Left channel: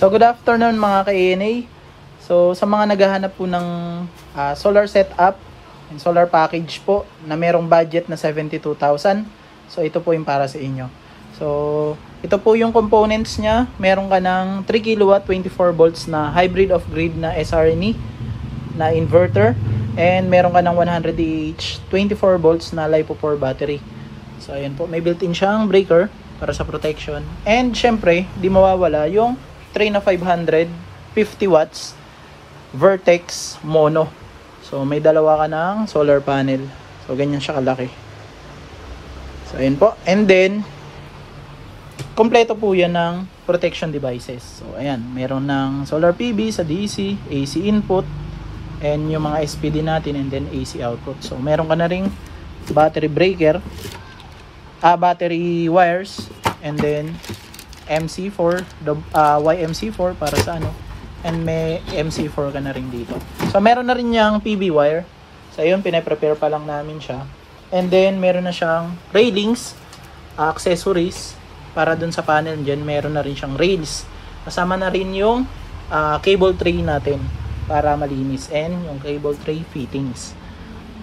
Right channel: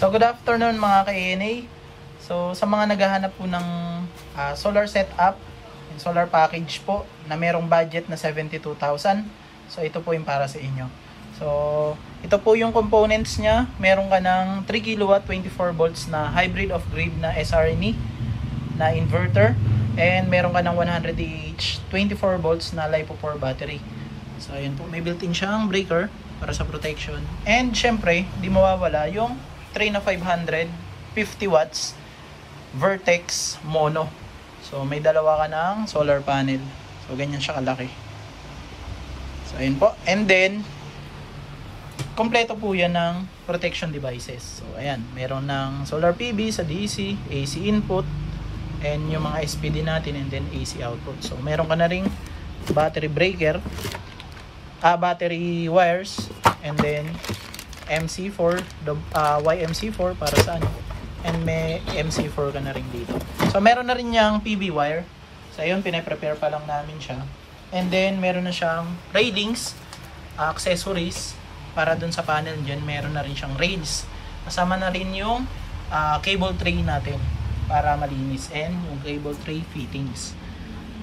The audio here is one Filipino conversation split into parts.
So good afternoon mga ka-ANA. So sa mga naghahanap po ng solar setup, solar package po na merong budget na 72,000. So ito po yung para sa inyo. So ito po yung components niya. Meron ka ng 3 kW 24 volts na hybrid off grid na SRNE na inverter, and meron ka ng 100 Ah 24 volts na LiPo4 battery. So ayan po, may built-in siyang breaker para sa protection. And syempre, di mawawala yung tray na 550 watts Vertex mono. So may dalawa ka ng solar panel. So ganyan siya kalaki. So ayan po. And then kompleto po yan ng protection devices. So ayan, meron ng solar PV sa DC, AC input, and yung mga SPD natin, and then AC output. So meron ka na ring battery breaker, battery wires, and then MC4, YMC4 para sa ano, and may MC4 ka na rin dito. So meron na rin yung PV wire. So yun, pinaprepare pa lang namin siya. And then meron na siyang railings, accessories para dun sa panel dyan. Meron na rin siyang rails. Kasama na rin yung cable tray natin para malinis, and yung cable tray fittings.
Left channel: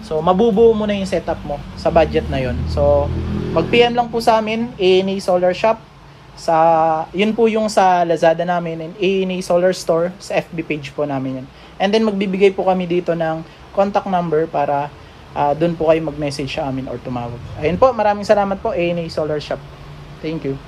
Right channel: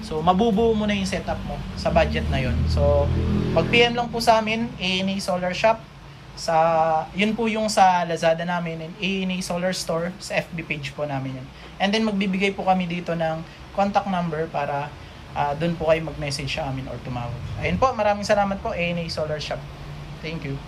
So mabubuo mo na yung setup mo sa budget na yun. So mag-PM lang po sa amin, ANA Solar Shop, sa yun po yung sa Lazada namin, and ANA Solar Store sa FB page po namin yun. And then magbibigay po kami dito ng contact number para doon po kayo mag-message sa amin or tumawag. Ayun po, maraming salamat po, ANA Solar Shop. Thank you.